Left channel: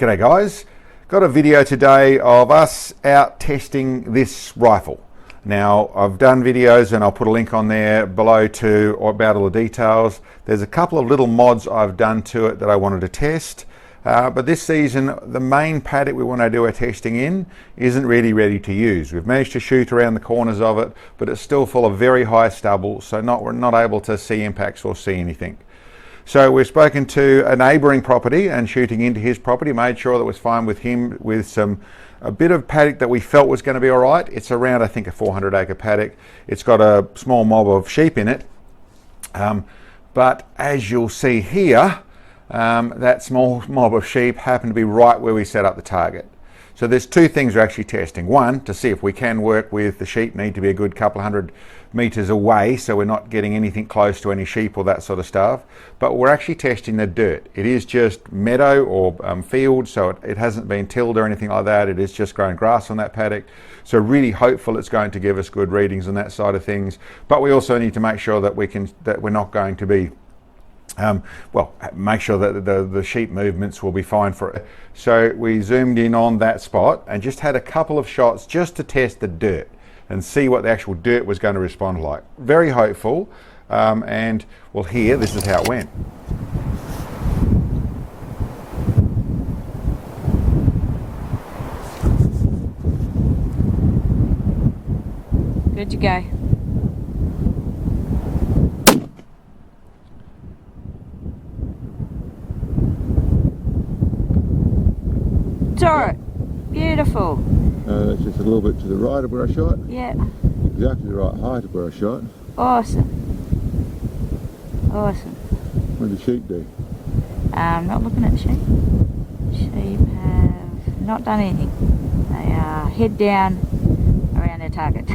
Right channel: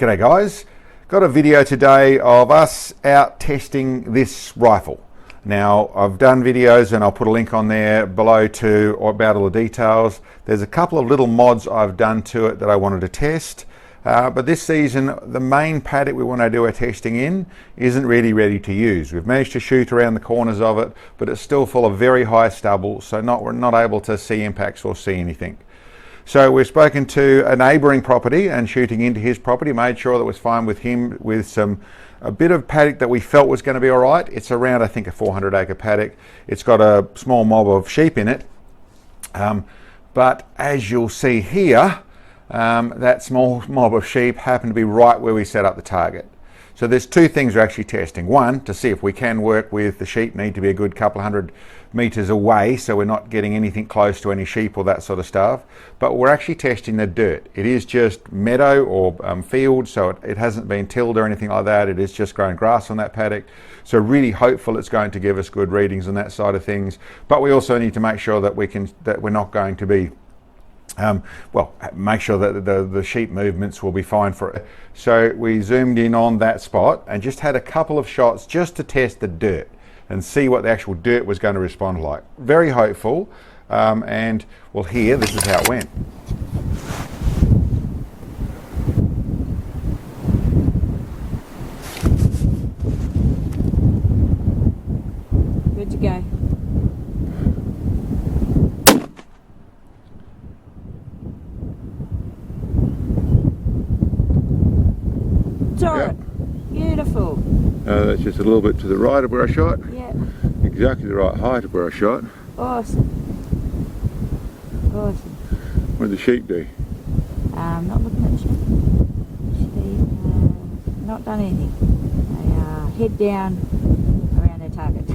G'day guys, got a video today of us out testing this rifle. Now I've done videos and I'll put a link on there below to about all the details. There's a couple of little mods I've done to it that I wanted to test. But this season, the main paddock we want to do our testing in isn't really ready to use. We've managed to shoot around the corners of it, but it's still full of very high stubble, so we're not able to see impacts or see anything. So we've spoken to a neighbouring property and shooting into his property, made sure that was fine with him with a bit of paddock that we felt was going to be all right. It's around, I think, a 400 acre paddock. It's got a small mob of sheep in it. But as you'll see here, that small mob of sheep happened to be right where we set up the target. So there's two things we're actually testing. One, to see if we can work with the sheep, need to be a good couple hundred metres away so we're not getting anything close to any sheep or that sort of stuff. But we're actually testing the dirt. It is just meadow or field, so it hasn't been tilled or anything like that. It is just growing grass on that paddock. So really hopeful it's going to give us good readings on that side of things. But we also need to make sure that we're not going to be make sure that the sheep movements will be fine for it. So we zoomed in on that spot and just had a couple of shots just to test the dirt and see what the actual dirt was going to respond like. Very hopeful, and well, here, this is how it went. Good to go. Yep. Beautiful. That's just a little bit to the right of where I shot. Yeah. Exactly the right height of where I shot. Awesome. Awesome. What did the sheep do? Not looking at the sheep. Sheep have not done anything. They are head down around their target.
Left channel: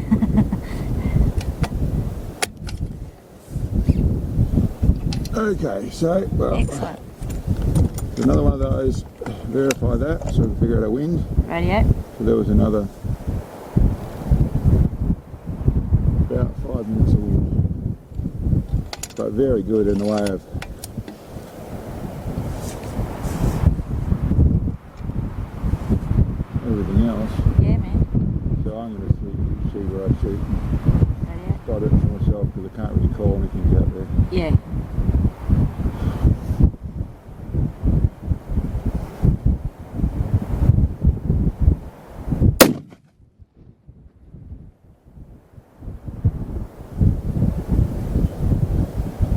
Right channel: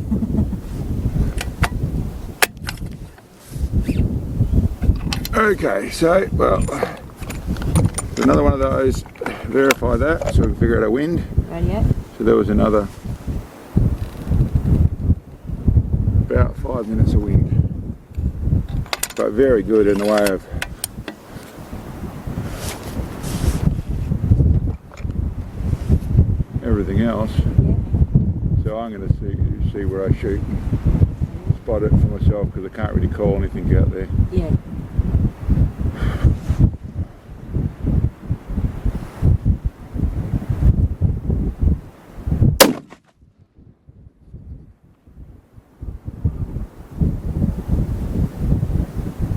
Okay, so, well, excellent. Another one of those, verify that so we can figure out our wind. Radio. So there was another about 5 minutes of wind, but very good in the way of everything else. Yeah, man. So I'm going to see where I shoot and spot it for myself because I can't really call anything out there. Yeah.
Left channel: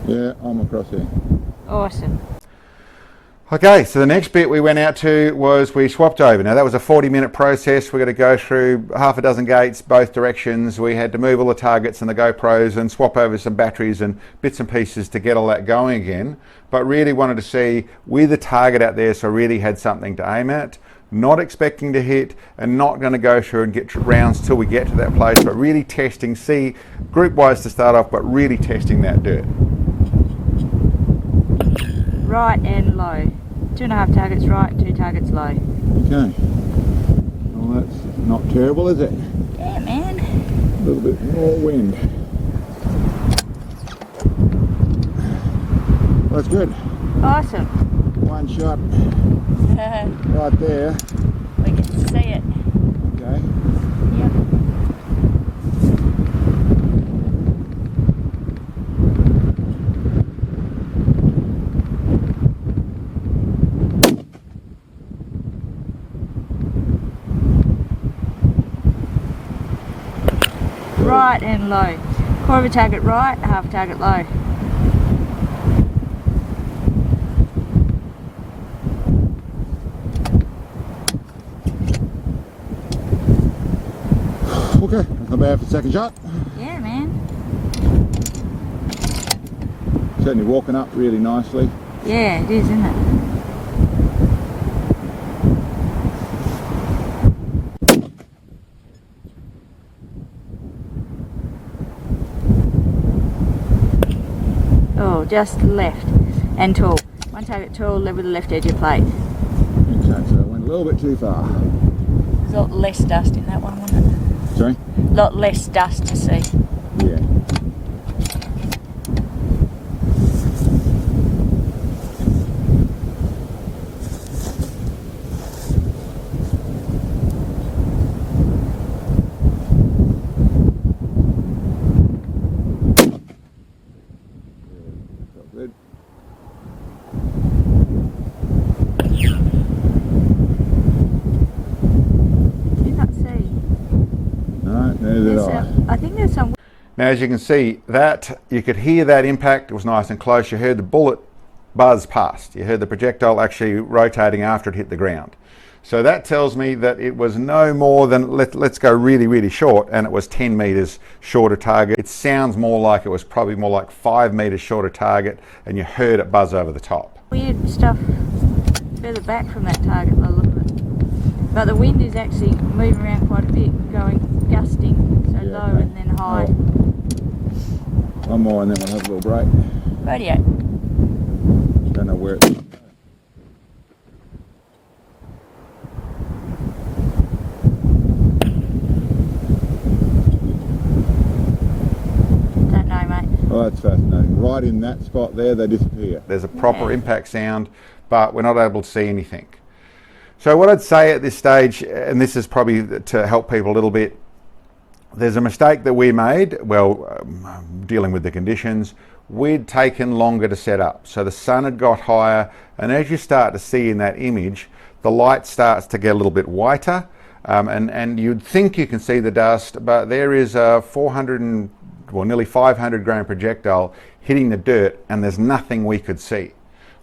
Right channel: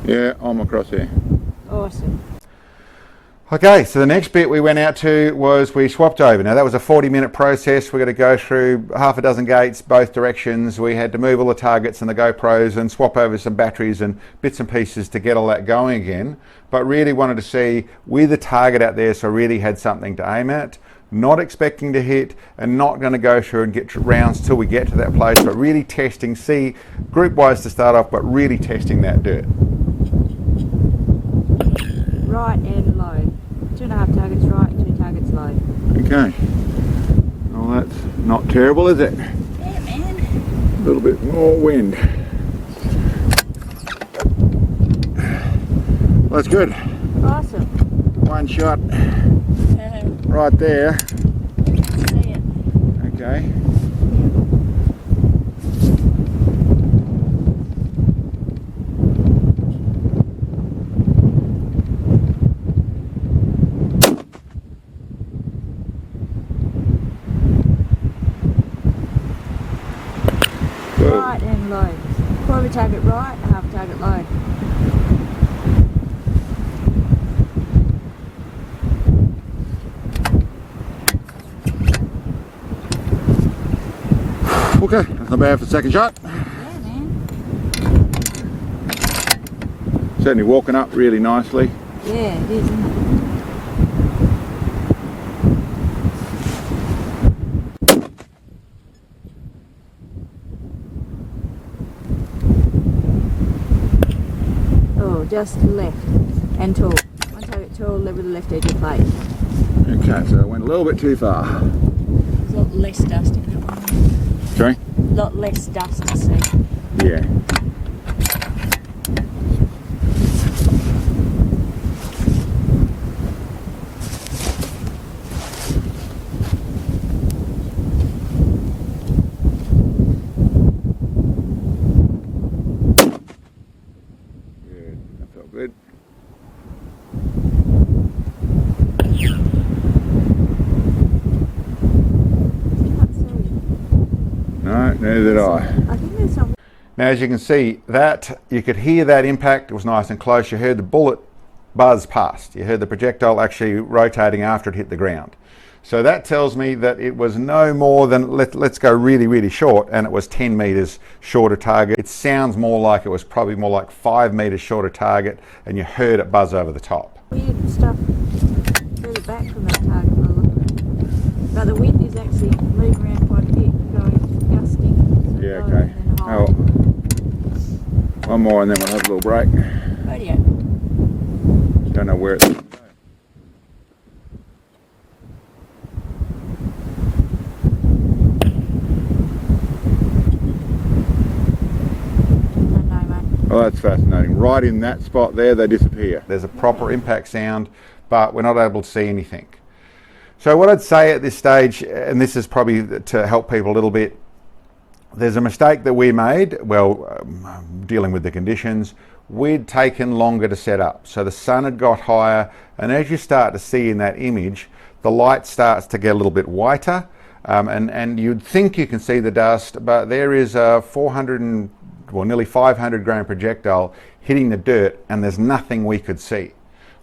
Yeah, I'm across here. Awesome. Okay, so the next bit we went out to was we swapped over. Now that was a 40-minute process. We're going to go through half a dozen gates, both directions. We had to move all the targets and the GoPros and swap over some batteries and bits and pieces to get all that going again. But really wanted to see with the target out there, so really had something to aim at. Not expecting to hit and not going to go through and get rounds till we get to that place, but really testing, see group-wise to start off, but really testing that dirt. Right and low. 2.5 targets right, 2 targets low. Okay. Well, that's not terrible, is it? Yeah, man. A little bit more wind. That's good. Awesome. One shot right there. We can see it. Okay. Yep. Right and low. Quarter of a target right, half a target low. Okay, that's not bad for the second shot. Yeah, man. Certainly walking up really nicely. Yeah, it is, isn't it? Oh, just left and tall. One target tall, level the left edge of plate. Okay, so I went a little bit too far. There's a lot less dust in that one, isn't it? Sorry? A lot less dust to see. Yeah. I. I think there's some. Now, as you can see, that you could hear that impact. It was nice and close. You heard the bullet buzz past. You heard the projectile actually rotating after it hit the ground. So that tells me that it was no more than, let's go really, really short, and it was 10 metres short of target. It sounds more like it was probably more like 5 metres short of target, and you heard it buzz over the top. Weird stuff further back from that target by the look of it. But the wind is actually moving around quite a bit, going gusting, so Yeah, low okay. and then high. Oh, one more and then we'll have a little break. Radio. Don't know where it's... Don't know, mate. Oh, that's fascinating. Right in that spot there, they disappear. There's a proper impact sound, but we're not able to see anything. So what I'd say at this stage, and this is probably to help people a little bit, there's a mistake that we made, dealing with the conditions. We'd taken longer to set up. So the sun had got higher, and as you start to see in that image, the light starts to get a little bit whiter, and you'd think you can see the dust, but there is a nearly 500 grain projectile hitting the dirt, and there's nothing we could see.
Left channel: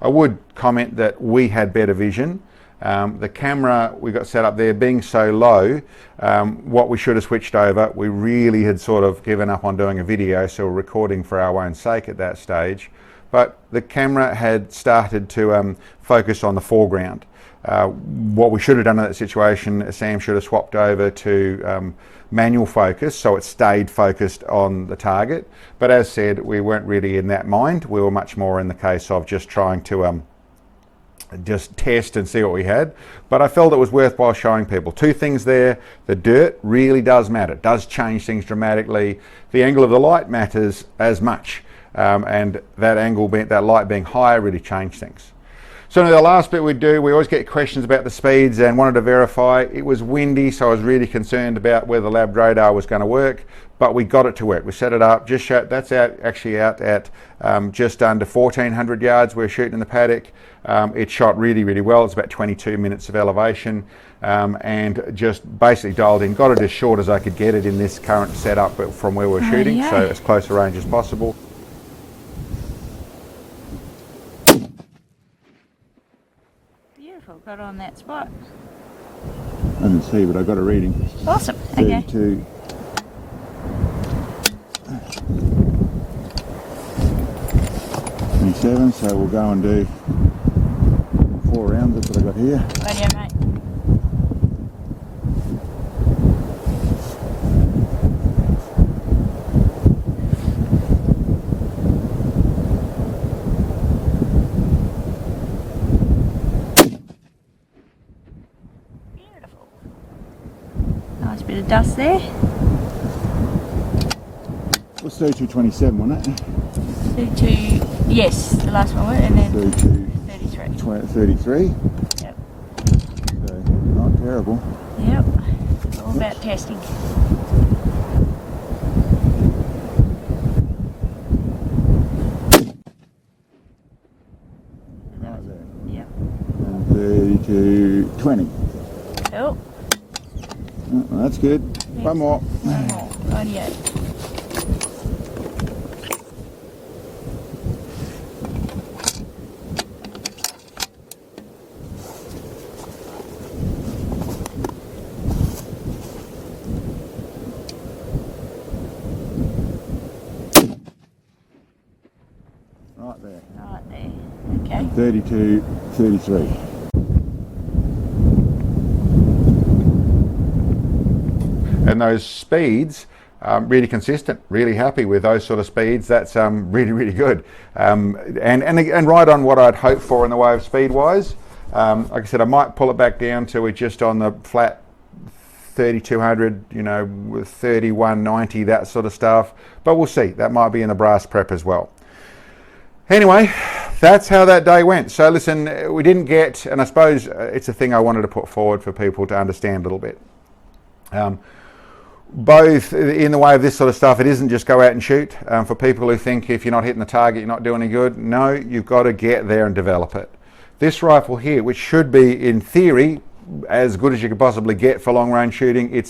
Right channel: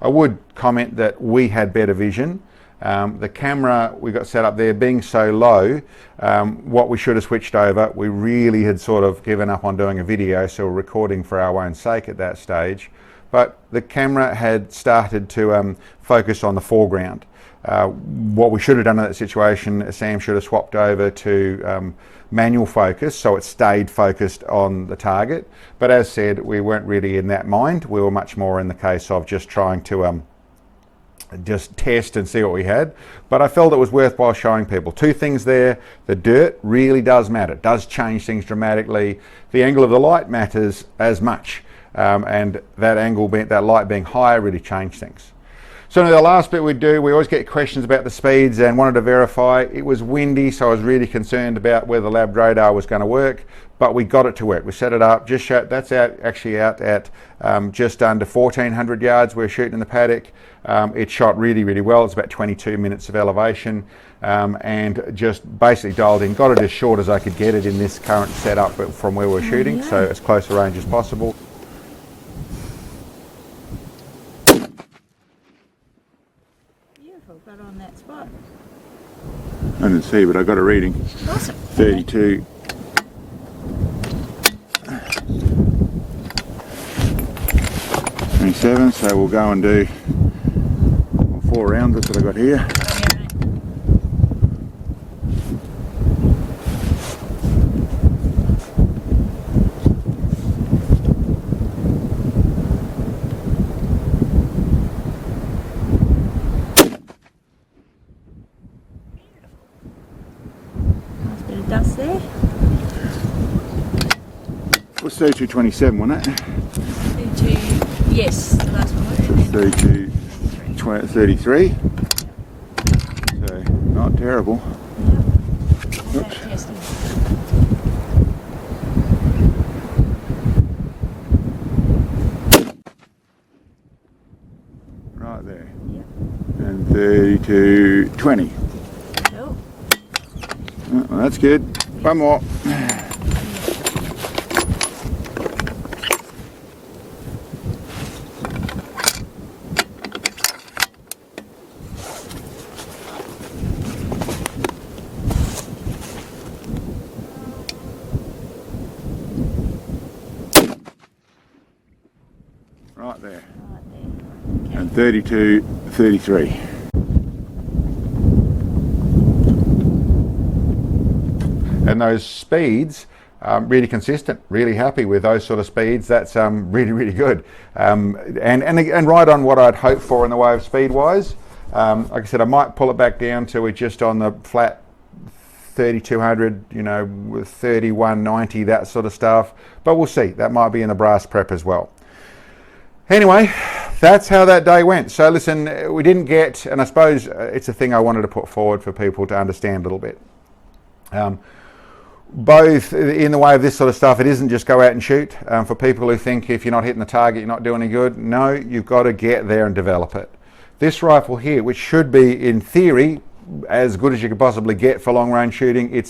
I would comment that we had better vision. The camera we got set up there being so low, what we should have switched over, we really had sort of given up on doing a video, so we're recording for our own sake at that stage. But the camera had started to focus on the foreground. What we should have done in that situation, Sam should have swapped over to manual focus, so it stayed focused on the target. But as said, we weren't really in that mind. We were much more in the case of just trying to just test and see what we had. But I felt it was worthwhile showing people. Two things there: the dirt really does matter. It does change things dramatically. The angle of the light matters as much, and that angle, that light being higher, really changed things. So the last bit we always get questions about the speeds, and wanted to verify. It was windy, so I was really concerned about whether the lab radar was going to work, but we got it to work. We set it up, that's actually out at just under 1,400 yards. We're shooting in the paddock. It shot really, really well. It's about 22 minutes of elevation, and just basically dialed in. Got it as short as I could get it in this current setup from where we're shooting, so as close a range as possible. Beautiful, got on that spot. I didn't see, but I got a reading. Awesome. 32. Okay. 27, so we'll go and do 4 rounds. That's what I got here. Radio, mate. Beautiful. Nice bit of dust there. It was 32.27, wasn't it? 32, yes, the last one, and then 32. 33. 33. Yep. So not terrible. Yep. All about testing. Right there. Yep. And 32.20. Cool. Oh, well, that's good. Yes. One more. Radio. Right there. Right there. Okay. And 32.33. And those speeds, really consistent, really happy with those sort of speeds. That's really, really good. And right on what I'd hoped for in the way of speed wise. Like I said, I might pull it back down to it just on the flat 3200, with 3190, that sort of stuff. But we'll see. That might be in the brass prep as well. Anyway, that's how that day went. So listen, we didn't get, and I suppose it's a thing I wanted to put forward for people to understand a little bit. Both in the way of this sort of stuff, it isn't just go out and shoot. For people who think if you're not hitting the target, you're not doing any good. No, you've got to get there and develop it. This rifle here, which should be in theory as good as you could possibly get for long range shooting, it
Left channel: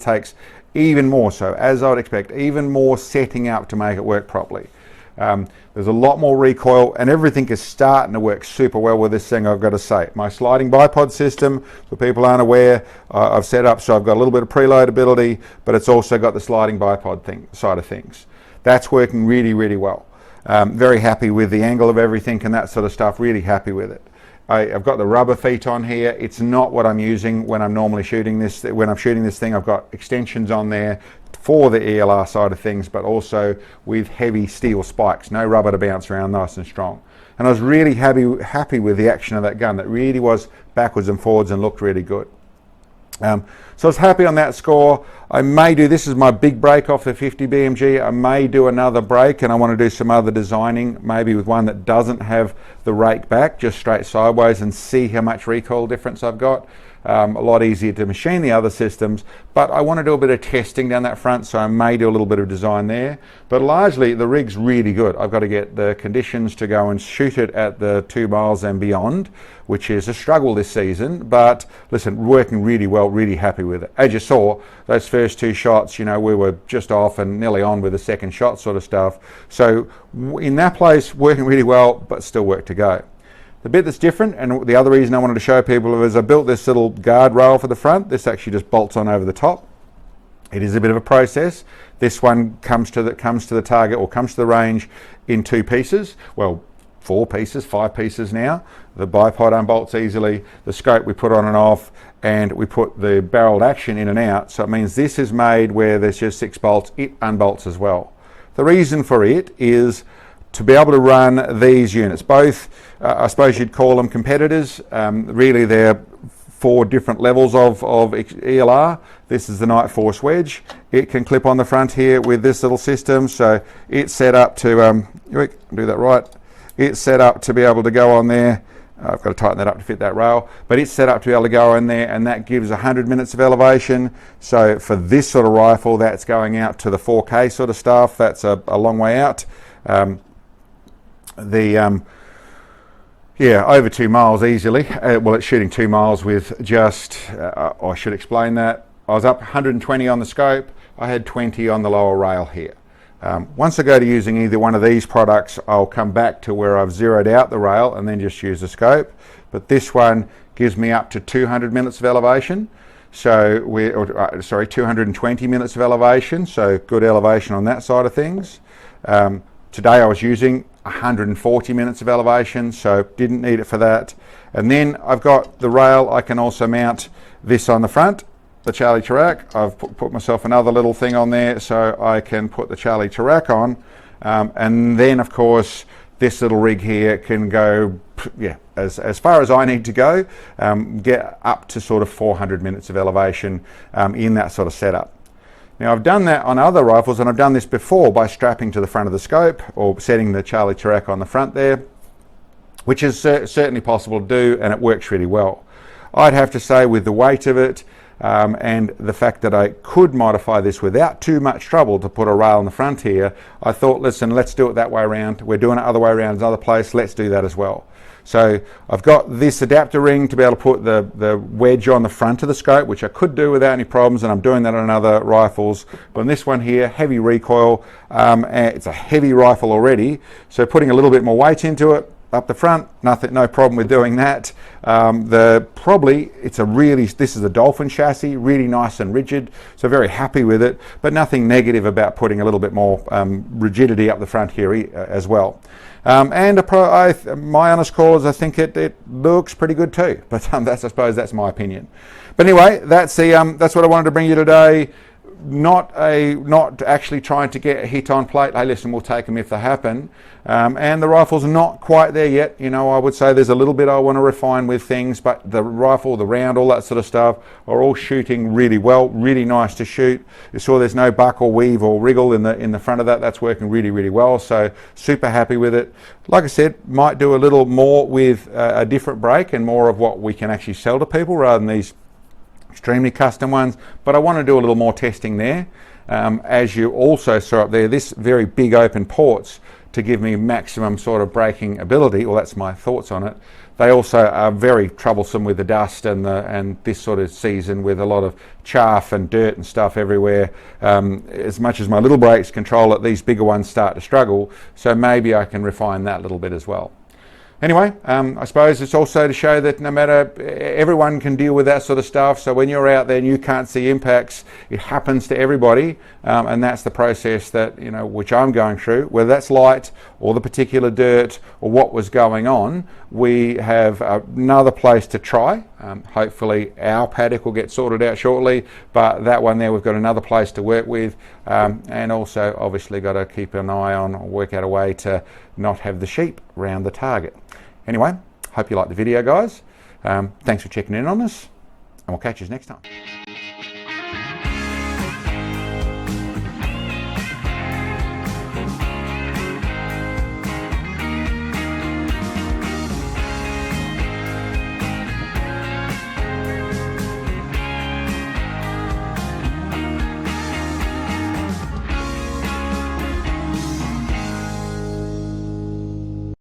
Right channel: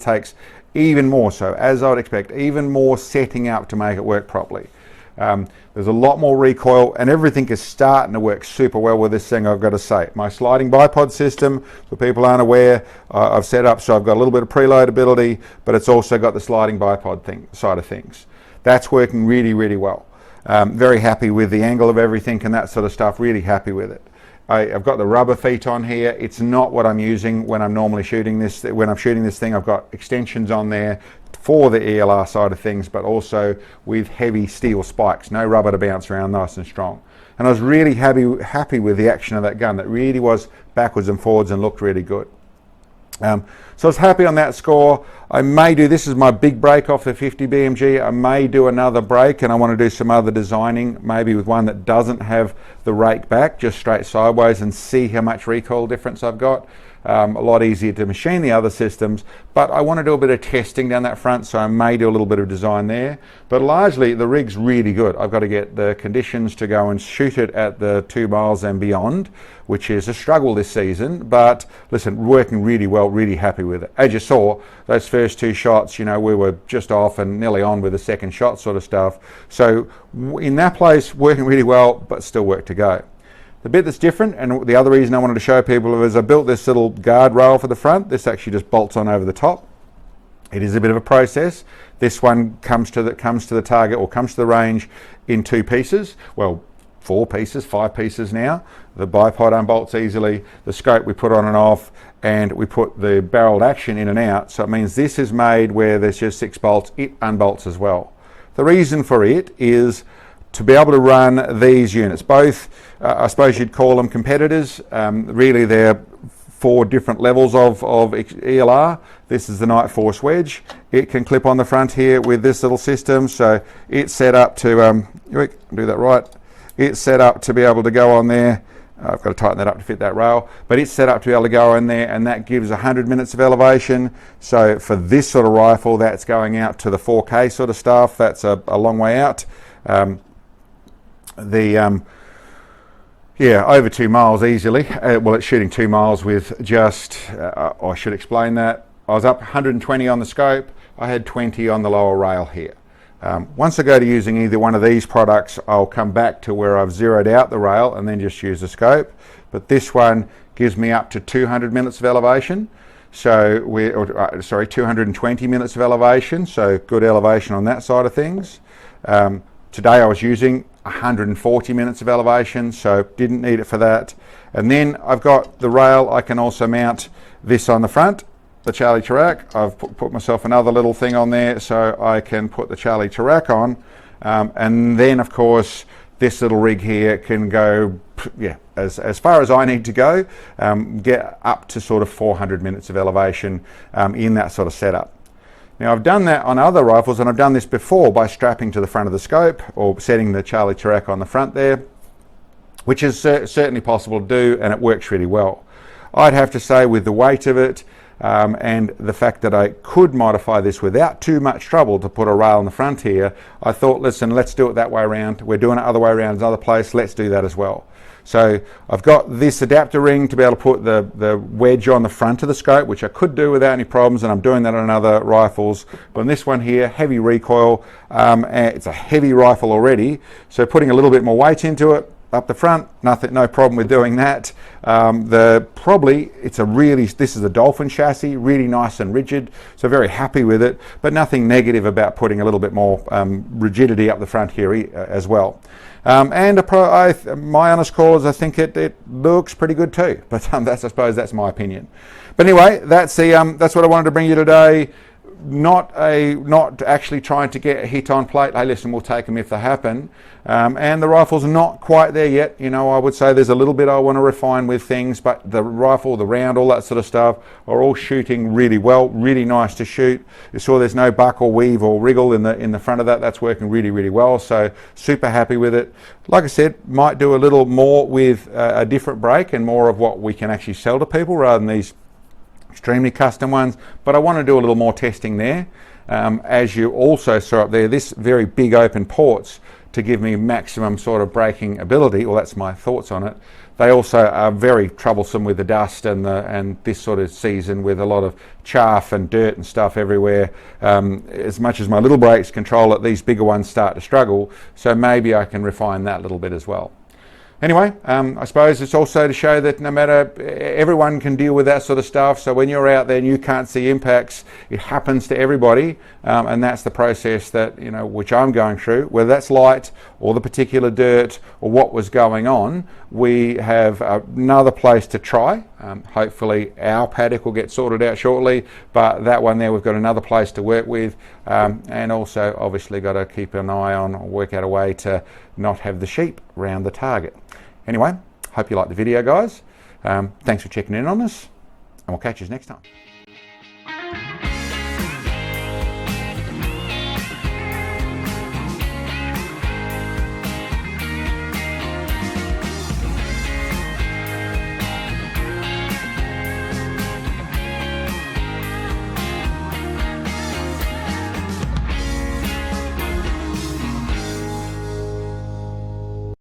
takes even more so, as I would expect, even more setting up to make it work properly. There's a lot more recoil, and everything is starting to work super well with this thing, I've got to say. My sliding bipod system, for people aren't aware, I've set up so I've got a little bit of preload ability, but it's also got the sliding bipod side of things. That's working really, really well. Very happy with the angle of everything and that sort of stuff, really happy with it. I've got the rubber feet on here. It's not what I'm using when I'm normally shooting this. When I'm shooting this thing, I've got extensions on there for the ELR side of things, but also with heavy steel spikes, no rubber to bounce around, nice and strong. And I was really happy with the action of that gun. That really was backwards and forwards and looked really good. So I was happy on that score. I may do, this is my big break off the 50 BMG. I may do another break, and I want to do some other designing, maybe with one that doesn't have the rake back, just straight sideways, and see how much recoil difference I've got. A lot easier to machine the other systems, but I want to do a bit of testing down that front, so I may do a little bit of design there. But largely the rig's really good. I've got to get the conditions to go and shoot it at the 2 miles and beyond, which is a struggle this season, but listen, working really well, really happy with it. As you saw, those first 2 shots, you know, we were just off and nearly on with the second shot sort of stuff. So in that place, working really well, but still work to go. The bit that's different, and the other reason I wanted to show people, is I built this little guard rail for the front. This actually just bolts on over the top. It is a bit of a process. This one comes to the target, or comes to the range in 2 pieces. Well, 4 pieces, 5 pieces now. The bipod unbolts easily. The scope we put on and off, and we put the barreled action in and out. So it means this is made where there's just 6 bolts. It unbolts as well. The reason for it is to be able to run these units, both, I suppose you'd call them competitors. Really, they're 4 different levels of ELR. This is the Night Force wedge. It can clip on the front here with this little system, so it's set up to, do that right. It's set up to be able to go on there. I've got to tighten that up to fit that rail, but it's set up to be able to go in there, and that gives 100 minutes of elevation. So for this sort of rifle, that's going out to the 4K sort of stuff. That's a long way out. Over 2 miles easily. Well, it's shooting 2 miles with just, I should explain that. I was up 120 on the scope. I had 20 on the lower rail here. Once I go to using either one of these products, I'll come back to where I've zeroed out the rail and then just use the scope. But this one gives me up to 200 minutes of elevation. So 220 minutes of elevation. So good elevation on that side of things. Today I was using 140 minutes of elevation, so didn't need it for that. And then I've got the rail. I can also mount this on the front, the Charlie Chirac. I've put myself another little thing on there so I can put the Charlie Chirac on. And then, of course, this little rig here can go as far as I need to go, get up to sort of 400 minutes of elevation in that sort of setup. Now, I've done that on other rifles, and I've done this before by strapping to the front of the scope or setting the Charlie Chirac on the front there, which is certainly possible to do, and it works really well. I'd have to say, with the weight of it and the fact that I could modify this without too much trouble to put a rail on the front here, I thought, listen, let's do it that way around. We're doing it other way around in another place. Let's do that as well. So I've got this adapter ring to be able to put the wedge on the front of the scope, which I could do without any problems, and I'm doing that on other rifles. But on this one here, heavy recoil, and it's a heavy rifle already, so putting a little bit more weight into it up the front, no problem with doing that. This is a Dolphin chassis, really nice and rigid, so very happy with it, but nothing negative about putting a little bit more rigidity up the front here as well. My honest call is I think it looks pretty good too, but I suppose that's my opinion. But anyway, that's what I wanted to bring you today. Not actually trying to get a hit on plate. Hey, listen, we'll take them if they happen. And the rifle's not quite there yet. You know, I would say there's a little bit I want to refine with things, but the rifle, the round, all that sort of stuff are all shooting really well, really nice to shoot. You saw there's no buck or weave or wriggle in the front of that. That's working really, really well. So super happy with it. Like I said, might do a little more with a different break and more of what we can actually sell to people rather than these extremely custom ones, but I want to do a little more testing there. As you also saw up there, this very big open ports to give me maximum sort of braking ability. Well, that's my thoughts on it. They also are very troublesome with the dust and this sort of season with a lot of chaff and dirt and stuff everywhere. As much as my little brakes control it, these bigger ones start to struggle. So maybe I can refine that a little bit as well. Anyway, I suppose it's also to show that no matter, everyone can deal with that sort of stuff. So when you're out there and you can't see impacts, it happens to everybody, and that's the process that, you know, which I'm going through. Whether that's light or the particular dirt or what was going on, we have another place to try. Hopefully our paddock will get sorted out shortly, but that one there we've got another place to work with, and also obviously got to keep an eye on, work out a way to not have the sheep round the target. Anyway, hope you liked the video, guys. Thanks for checking in on us, and we'll catch you next time.